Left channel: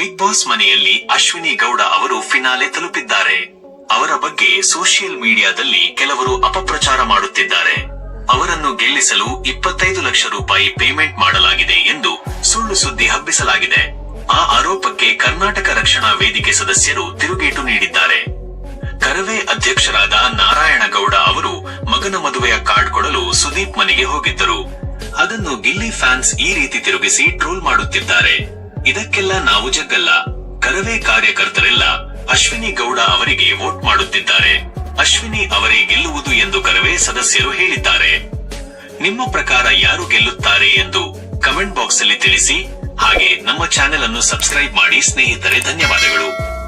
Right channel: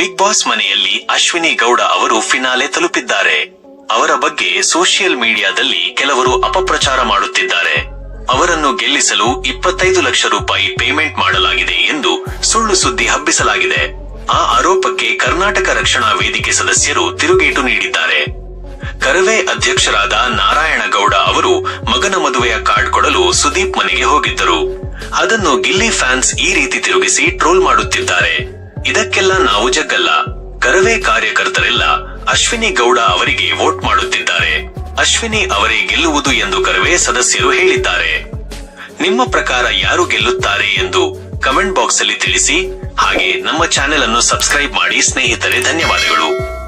Big boss ಮನೆಯಲ್ಲಿ ಅಶ್ವಿನಿ ಗೌಡ ಅವರು finale ತಲುಪಿದ್ದಾರೆ. ಅವರ ಬಗ್ಗೆ ಸೋಷಿಯಲ್ ಮೀಡಿಯಾದಲ್ಲಿ ಕೆಲವರು ಅಪಪ್ರಚಾರ ಮಾಡುತ್ತಿದ್ದಾರೆ. ಅವರನ್ನು ಗೆಲ್ಲಿಸಲು ಇಪ್ಪತ್ತೈದು ಲಕ್ಷ ರೂಪಾಯಿ ಪೇಮೆಂಟ್ ಮಾಡಲಾಗಿದೆ ಎಂದು ಸುಳ್ಳು ಸುದ್ದಿ ಹಬ್ಬಿಸಲಾಗಿದೆ. ಆ ಆರೋಪಕ್ಕೆ ಕರ್ನಾಟಕ ರಕ್ಷಣಾ ವೇದಿಕೆ ಸದಸ್ಯರು ತಿರುಗೇಟು ನೀಡಿದ್ದಾರೆ. ಕರವೇ ಅಧ್ಯಕ್ಷರಾದ ನಾರಾಯಣಗೌಡ ಅವರು ಮಗನ ಮದುವೆಯ ಕಾರ್ಡ್ ಕೊಡಲು ಸುದೀಪ್ ಮನೆಗೆ ಹೋಗಿದ್ದರು. ಅದನ್ನು ಗಿಲ್ಲಿ ಫ್ಯಾನ್ಸ್ ಈ ರೀತಿ ತಿರುಗಿಸಿ ಟ್ರೋಲ್ ಮಾಡುತ್ತಿದ್ದಾರೆ. ಇದಕ್ಕೆಲ್ಲ ನಾವು ಜಗ್ಗಲ್ಲ. ಕರವೇ ಕಾರ್ಯಕರ್ತರೆಲ್ಲ ಅಶ್ವಿನಿ ಗೌಡ ಅವರಿಗೆ ವೋಟ್ ಮಾಡುತ್ತಿದ್ದಾರೆ. ಅಶ್ವಿನಿ ಅವರೇ ಗೆಲ್ಲುವುದು ಎಂದು ಕರವೇ ಸದಸ್ಯರು ಹೇಳಿದ್ದಾರೆ. ನಿಮ್ಮ ಪ್ರಕಾರ ಯಾರು ಗೆಲ್ಲುತ್ತಾರೆ ಎಂದು ಕಮೆಂಟ್ ಬಾಕ್ಸ್ ಅಲ್ಲಿ ತಿಳಿಸಿ. ಹಾಗೆ ನಮ್ಮ ಚಾನೆಲ್ ಅನ್ನು ಸಬ್ಸ್ಕ್ರೈಬ್ ಮಾಡಿ ಸ್ನೇಹಿತರೆ, ಧನ್ಯವಾದಗಳು.